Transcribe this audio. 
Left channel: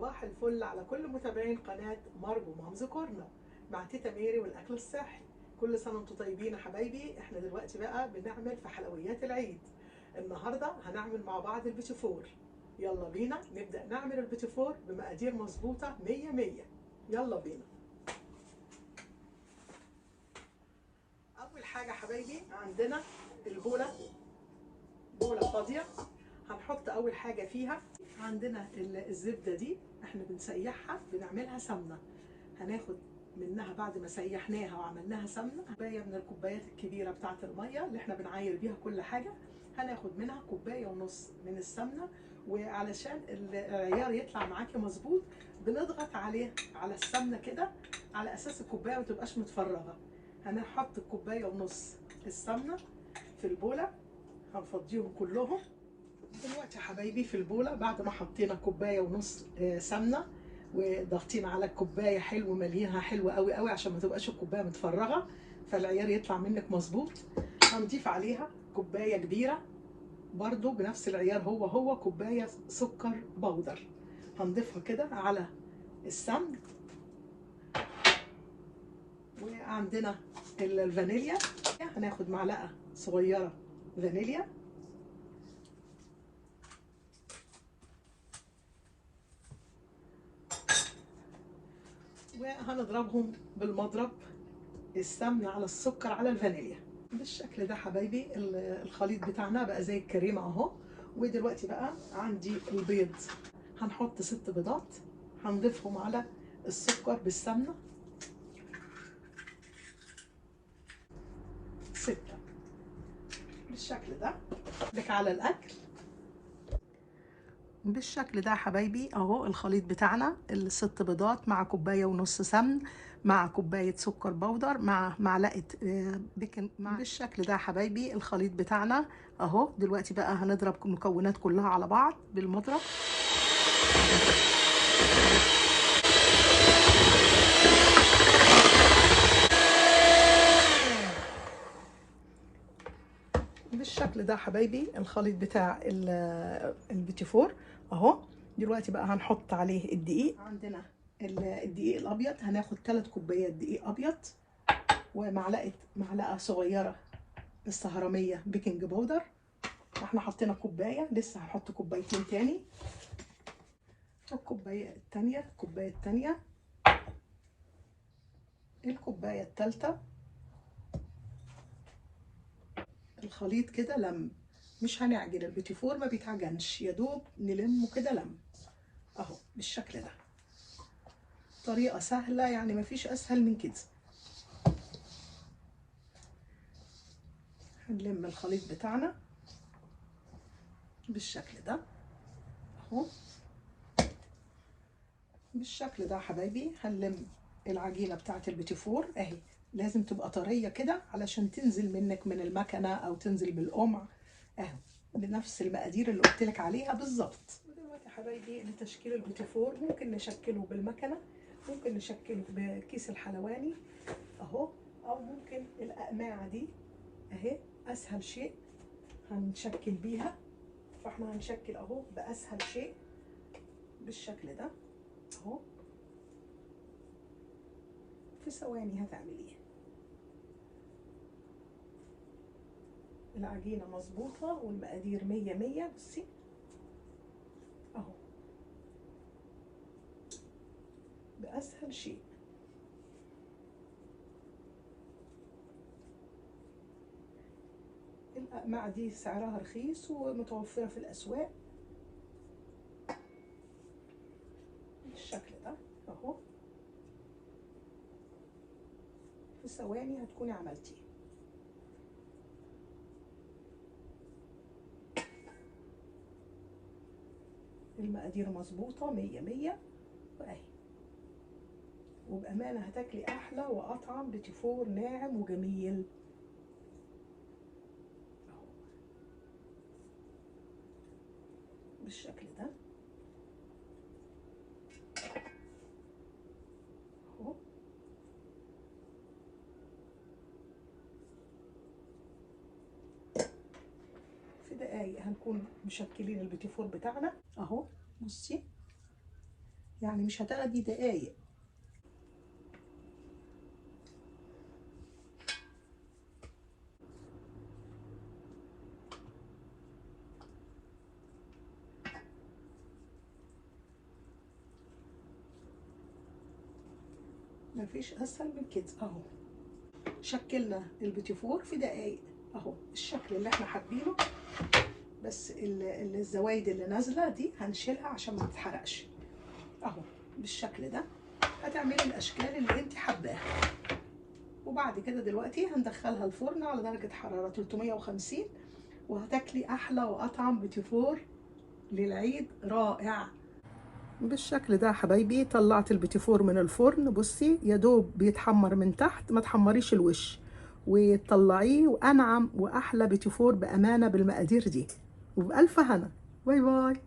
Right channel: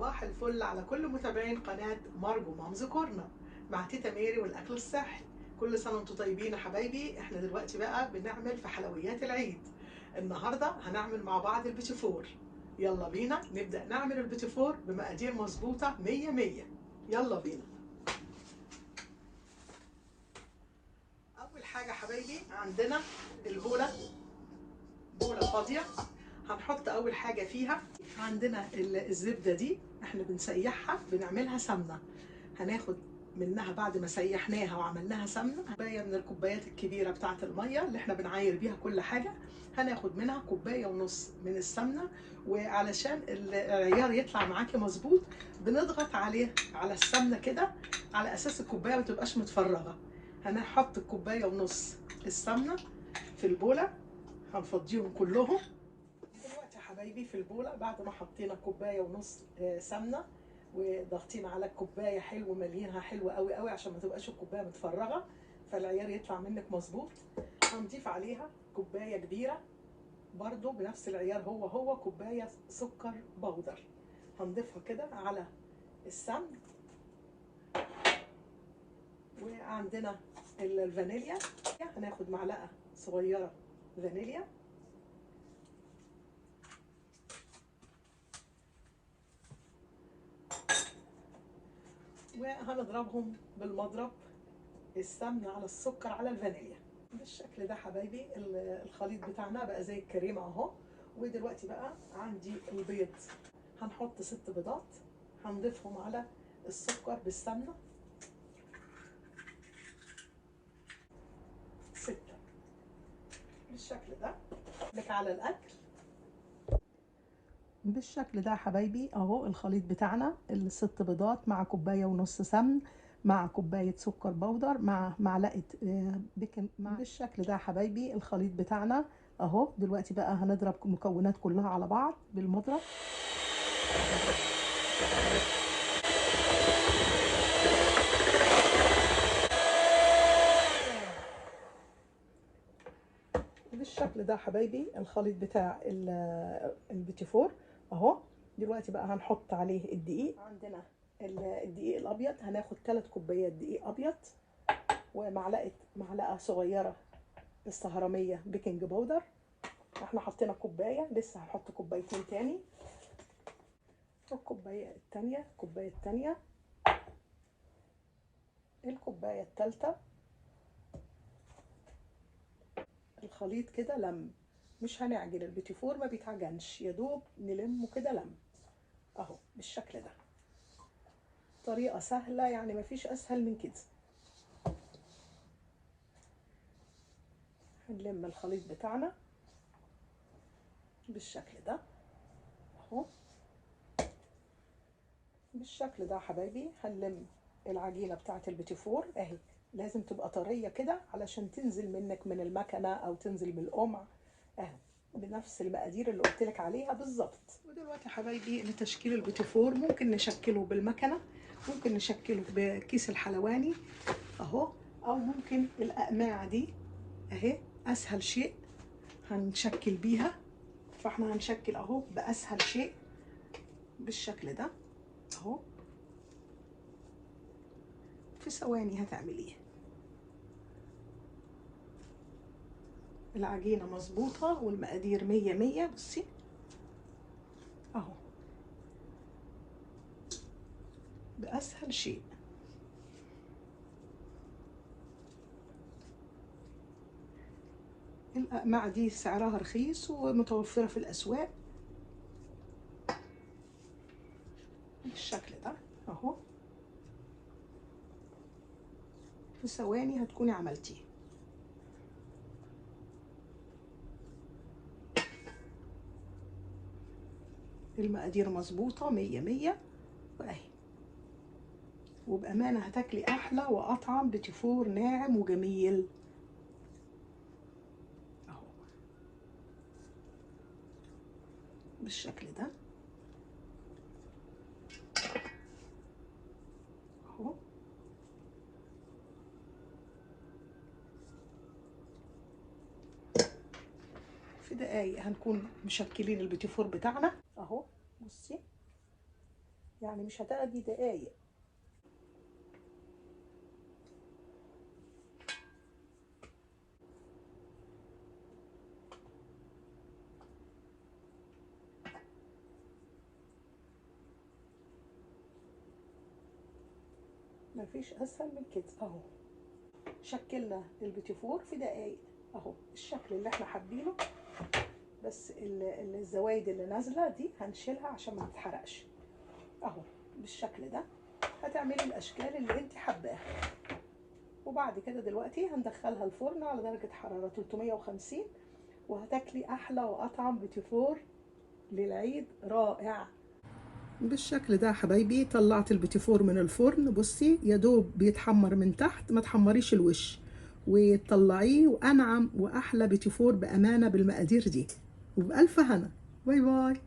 صباح الفل على كل متابعين قناة مارجو مامز كورنر مع تيتا ميري والأكل الصحي. كل سنة وانتم طيبين يا حبايبي. احنا دلوقتي بقى بنعمل في حلويات العيد. النهاردة هنعمل مع بعض البيتي فور. يلا بينا نبدأ نعمل البيتي فور بمقادير مظبوطة 100. يلا بينا. أول حاجة حبايبي عندنا البولة، بولة فاضية. هنحط أول حاجة فيها عندنا الزبدة دي، احنا بنسيحها بنعملها سمنة. هناخد منها بعد ما سيحناها وعملناها سمنة كوباية من الكوبايات الكبيرة بتاعة المية اللي احنا بنعاير بيها كل حاجة. هناخد منها كوباية ونص من السمنة، وعلشان العيار يطلع معاكي مظبوط بنضغط عليه على السمنة كده على أساس الكوباية ما تبقاش متفرغة. هنحط الكوباية ونص السمنة في البولة، هنفضيهم كلهم. دلوقتي يا حبايبي في البولة بعد ما حطينا كوباية ونص سمنة وضغطين على الكوباية حلو مليانها حلو قوي قوي عشان ما تبقاش الكوباية متفرغة فالعيار يطلع منك مظبوط. هنضيف عليها كوباية كبيرة برضو بنفس العيار، هو كوباية سكر بودر. هنضيفها كده على السمن. وعندنا الفانيليا، هناخد معلقة صغيرة فانيليا، وهنضربهم بالمضرب، السمن على السكر على الفانيليا بالشكل ده حبايبي. الخليط بتاعنا بقى زي الكريمه اهو. ودلوقتي بقى عندي البيض، هنحط 6 بيضات هنضيفهم على السكر بالسمنه، 6 بالشكل ده. لك على الاكل بالشكل ده حبايبي اهو. الخليط بتاعنا ال6 بيضات مع كوبايه ونص سمن مع كوبايه سكر بودر مع معلقه بيكنج بالشكل ده حبايبي. الخليط بتاعنا اهو. دلوقتي بقى هنضرب المكونات كلها على بعض بالمضرب. بالشكل ده حبايبي الخليط بتاع البيتي فور اهو. دلوقتي بقى هنحط عليه الدقيق. عندنا الدقيق الابيض، هناخد 3 كوبايات دقيق ابيض معلقه صغيره السهرميه بيكنج باودر. احنا حطينا كوبايه، لسه هحط كوبايتين تاني. الكوبايه التانيه، الكوبايه التانيه، الكوبايه التالته. الخليط كده لم، مش هنعجن البيتي فور، ما بيتعجنش، يا دوب نلمه كده لم اهو بالشكل ده. طريقه سهله يعني، مفيش اسهل من كده. هنلم الخليط بتاعنا بالشكل ده اهو. بالشكل ده حبايبي هنلم العجينه بتاعت البيتي فور اهي. لازم تبقى طريه كده علشان تنزل منك من المكنه او تنزل بالقمع اهو، بنفس المقادير اللي قلت لك عليها بالظبط. ودلوقتي حبايبي لتشكيل البيتي فور ممكن نشكله بالمكنه، ممكن نشكله بكيس الحلواني اهو، او ممكن الاقماع دي اهي اسهل شيء هنشكل بيها. فاحنا هنشكل اهو باسهل شيء بالشكل ده اهو. في ثواني هتعمليه. العجينه مظبوطه والمقادير 100. بصي اهو باسهل شيء. الأقماع دي سعرها رخيص ومتوفرة في الأسواق بالشكل ده اهو. في ثواني هتكوني عملتيه. المقادير مظبوطة 100 واهي. وبأمانة هتاكلي أحلى وأطعم بيتي فور ناعم وجميل اهو بالشكل ده اهو. في دقايق هنكون مشكلين البيتي فور بتاعنا اهو. بصي يعني مش هتاخدي دقايق. مفيش اسهل من كده اهو. شكلنا البيتي فور في دقايق اهو، الشكل اللي احنا حابينه. بس الزوايد اللي نازله دي هنشيلها عشان ما تتحرقش اهو بالشكل ده. هتعملي الاشكال اللي انت حباها، وبعد كده دلوقتي هندخلها الفرن على درجه حراره 350، وهتاكلي احلى واطعم بيتي فور للعيد رائع. بالشكل ده يا حبايبي طلعت البيتي فور من الفرن. بصي يا دوب بيتحمر من تحت، ما تحمريش الوش، وتطلعيه وانعم واحلى بيتي فور بامانه بالمقادير دي، وبالف هنا. باي باي.